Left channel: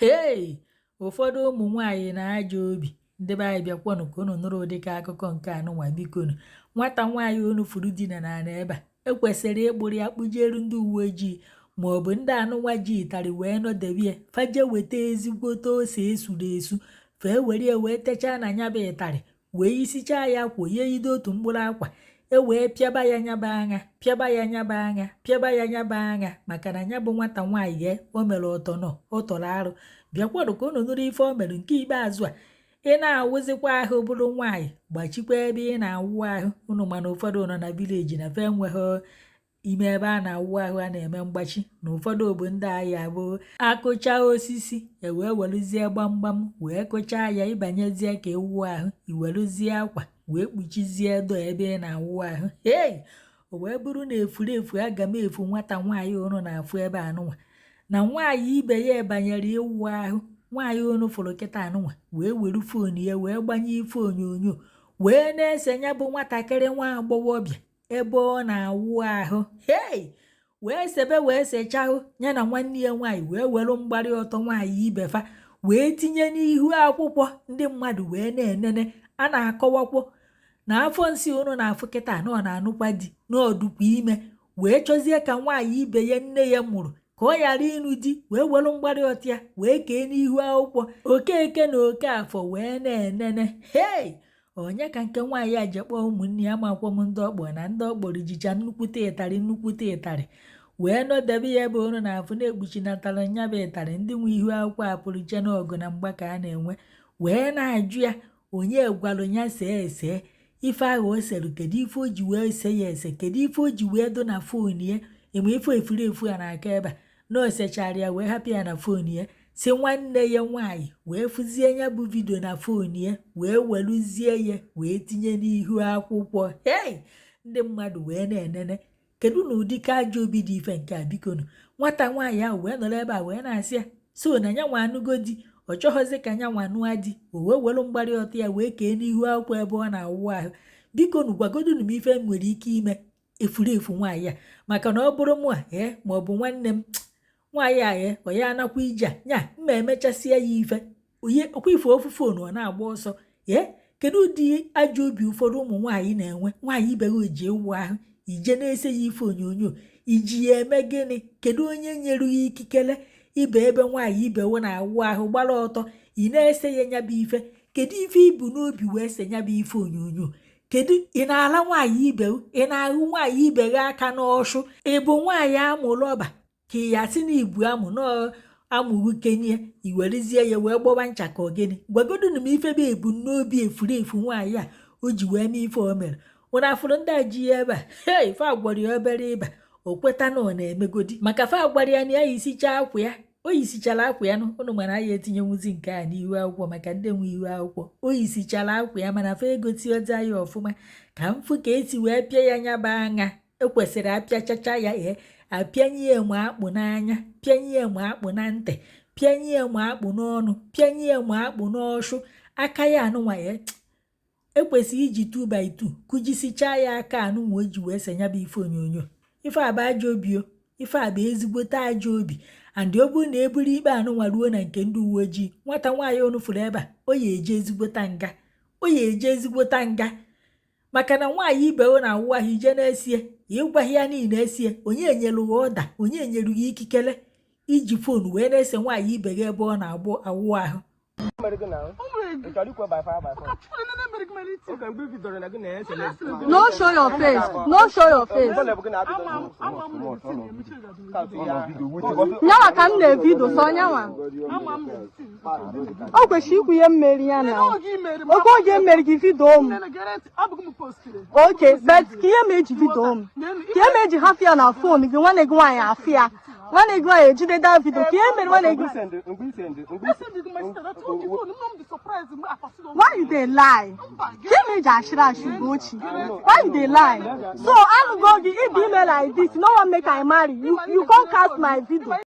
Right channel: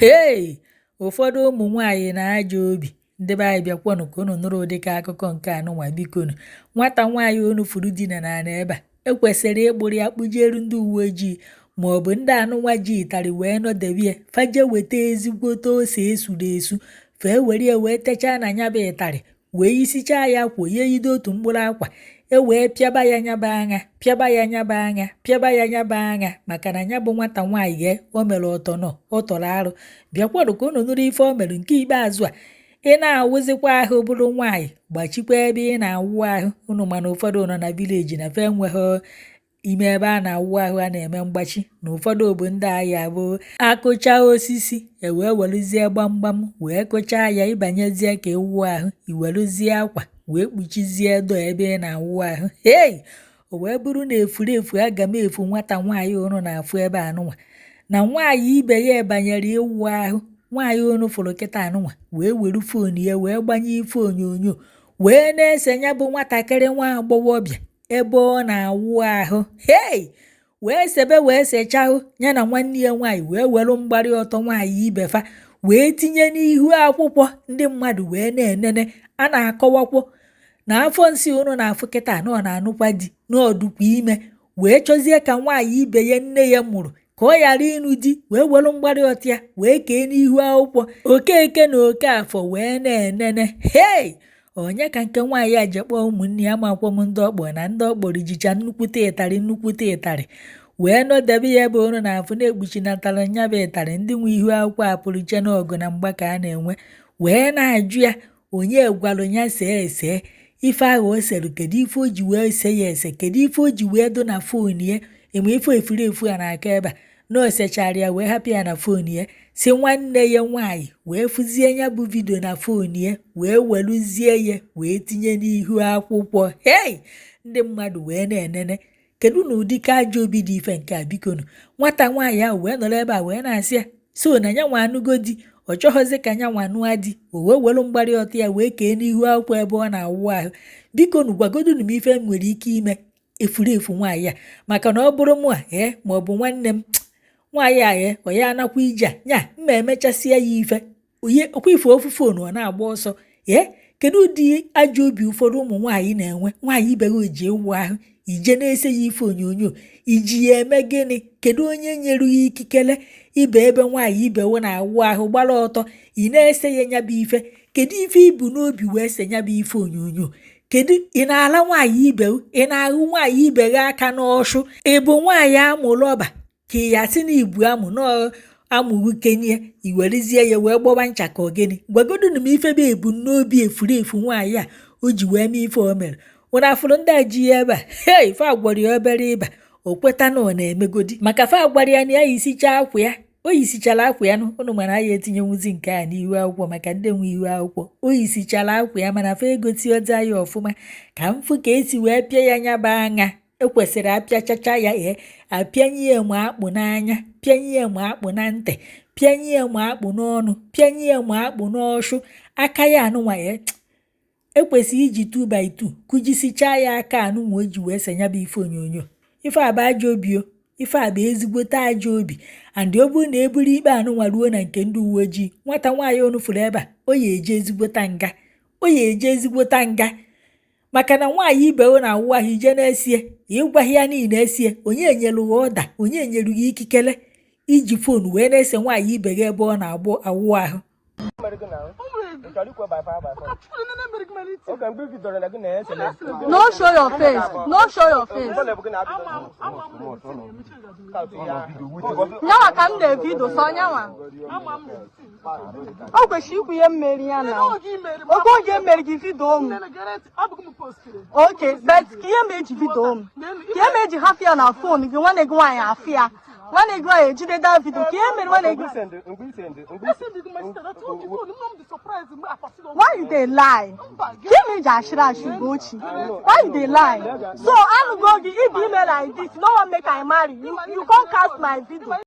Hey! Ụfọdụ ụmụ nwaanyị na-ajọ obi. Ndị be anyị bịakwanụ ka unu nụrụ ụdịka akụkọ nke anụnwa bikonu. Nwata nwaanyị unu furu dina n'ala ebe a ekwesịrị ịkpụrụ ya kpụjeru ndị uwe ojii maọbụ ndị anụnwa ji ịtarị wee nọdebie faje weta ezigbote ose esuru esu fee were ya wee techaa na nya bụ ịtarị wee isichaa ya akwa ye yido otu mkpụrụ akwa wee pịaba ya nyaba anya pịaba ya nyaba anya pịaba ya nyaba anya maka na nya bụ nwata nwaanyị o mere ọtọnọ ọ tọrọ arụ. Bịakwarụ ka unu nụrụ ife o mere nke ikpeazụ a. Ị na-awụzikwa ahụ bụrụ nwaanyị gbachikwa ebe ị na-awụ ahụ. Unu mana ụfọdụ nọ na vileji na fe enweghị ime ebe a na-awụ ahụ a na-eme mgbachi na ụfọdụ obodo ndị ahịa bụ akụcha osisi wee weluzie gbamgbam wee kụchaa ya ịbanyezie ka ewuo ahụ iweluzie akwa wee kpuchizie do ebe ị na-awụ ahụ. Hey! O wee bụrụ na efurefu aga m efu nwata nwaanyị unu na-afụ ebe anụnwa na nwaanyị ibe ya banyere ịwụ ahụ. Nwaanyị unu fụrụ kịta anụnwa wee were fon ya wee gbanye ife onyonyo wee na-ese nya bụ nwatakịrị nwa agbọghọbịa ebe ọ na-awụ ahụ. Hey! Wee sebe wee sechaa ya na nwanne ya nwaanyị wee were mgbari ọtọ nwaanyị ibefa wee tinye n'ihu akwụkwọ ndị mmadụ wee na-enene. A na-akọwakwo na afọ nsị unu na-afụ kịta na ọ na-anụkwa di na ọdụkwa ime wee chọzie ka nwaanyị ibe ya nne ya mụrụ ka ọ ghara ịnụ di wee were mgbari ọtọ ya wee kee n'ihu akwụkwọ. Okeke na Okafọ wee na-enene. Hey! Onye ka nke nwaanyị a je kpọọ ụmụnne ya makwa m ndị ọkpọ na ndị ọkpọrọ jicha nnukwute ịtarị wee nọdebe ya ebe unu na-afụ na-ekpuchinatara nya bụ ịtarị ndị nwe ihu akwụkwọ apụrụ che n'ọgụ na mgba ka a na-enwe wee na-ajụ ya onye gwalụ ya see ese ife ahụ o sere kedu ife o ji wee se ya ese kedu ife o ji wee do na fon ya enwe ife efurefu a na-aka ebe a na o sechara ya wee hapụ ya na fon ya si nwanne ya nwaanyị wee fụzie ya bụ vidio na fon ya wee weluzie ya wee tinye n'ihu akwụkwọ. Hey! Ndị mmadụ wee na-enene kedu na ụdịka ajọ obi dị ife nke a bikonu. Nwata nwaanyị ahụ wee nọrọ ebe a wee na-asị ya so na ya nwa anụgo di ọ chọghọzi ka nya nwa nụa di o wee welu mgbari ọtọ ya wee kee n'ihu akwụkwọ ebe ọ na-awụ ahụ. Bikonu gwagodunu m ife m nwere ike ime efurefu nwaanyị a maka na ọ bụrụ mụ a maọbụ nwanne m nwaanyị a ọ ya anakwa ije a nya mma emechasịa ya ife okwa ife ofu fonu ọ na-agba ọsọ. Kedu ụdị ajọ obi ụfọdụ ụmụ nwaanyị na-enwe nwaanyị ibe ha ji ewu ahụ ije na-ese ya ife onyonyo iji ya eme gịnị? Kedu onye nyere ya ikikere ibe ebe nwaanyị ibewo na-awụ ahụ gbara ọtọ ị na-ese ya nyabụ ife? Kedu ife ibu n'obi wee se nyabụ ife onyonyo? Kedu ị na-ala nwaanyị ibe ị na-ahụ nwaanyị ibe gị aka n'ọshụ? Ị bụ nwaanyị amụrụ ọba ka ya si na ibu amụ amụghị kenye iwerezie ya wee gbọba ncha ka ogene? Gwagodunu m ife bụ ebumnobi efurefu nwaanyị a o ji wee mee ife o mere. Unu afụrụ ndị a ji ya ebe a hey fa gwara ya obere ịba o kweta na ọ na-emegodi maka fa gwara ya na ya yisichaa akwa ya o yisichara akwa ya unu mara ya etinyenwuzi nke a n'ihu akwụkwọ maka ndị nwe ihu akwụkwọ o yisichara akwa ya mana fa egoti ọza ya ọfụma ka mfụ ka esi wee pịa ya nyaba anya ekwesịrị apịachacha ya apịanye ya ma akpụ n'anya pịanye ya ma akpụ na ntị pịanye ya ma akpụ n'ọnụ pịanye ya ma akpụ n'ọshụ aka ya anụnwa ya ekwesịrị iji 2x2 kụjisichaa ya aka anụnwa o ji wee senya bụ ife onyonyo. Ife a bụ ajọ obi o. Ife a bụ ezigbote ajọ obi and ọ bụrụ na eburu ikpe anụnwa ruo na nke ndị uwe ojii nwata nwaanyị onu fụrụ ebe a o ya eje ezigbota nga maka na nwaanyị ibe o na-awụ ahụ ije na-esie ịgwaghị ya niile esie onye nyere ya ọda onye nyere ya ikikere iji fon wee na-ese nwaanyị ibe gị ebe ọ na-awụ ahụ. No show your face. No show your face. Nyawa ka m na-evidio so nyawa. Ọ kwesịrị ikwu ihe mmeri ya na. Ọkụ oge mmeri gị vidio ọnụ. Okay, but ihe meji vidio ọnụ. Ihe meji hapụ ya na fon gị nwanne gị nwaanyị afụ ya. Nwanne gị nwaanyị ejide daa vidio. Ka ihe mere nwanne gị. Why you dey lie? Teenage ashira ashigochi. Why you dey lie? So I'm going to if email like this, no one make I marry you. You can't cast my video.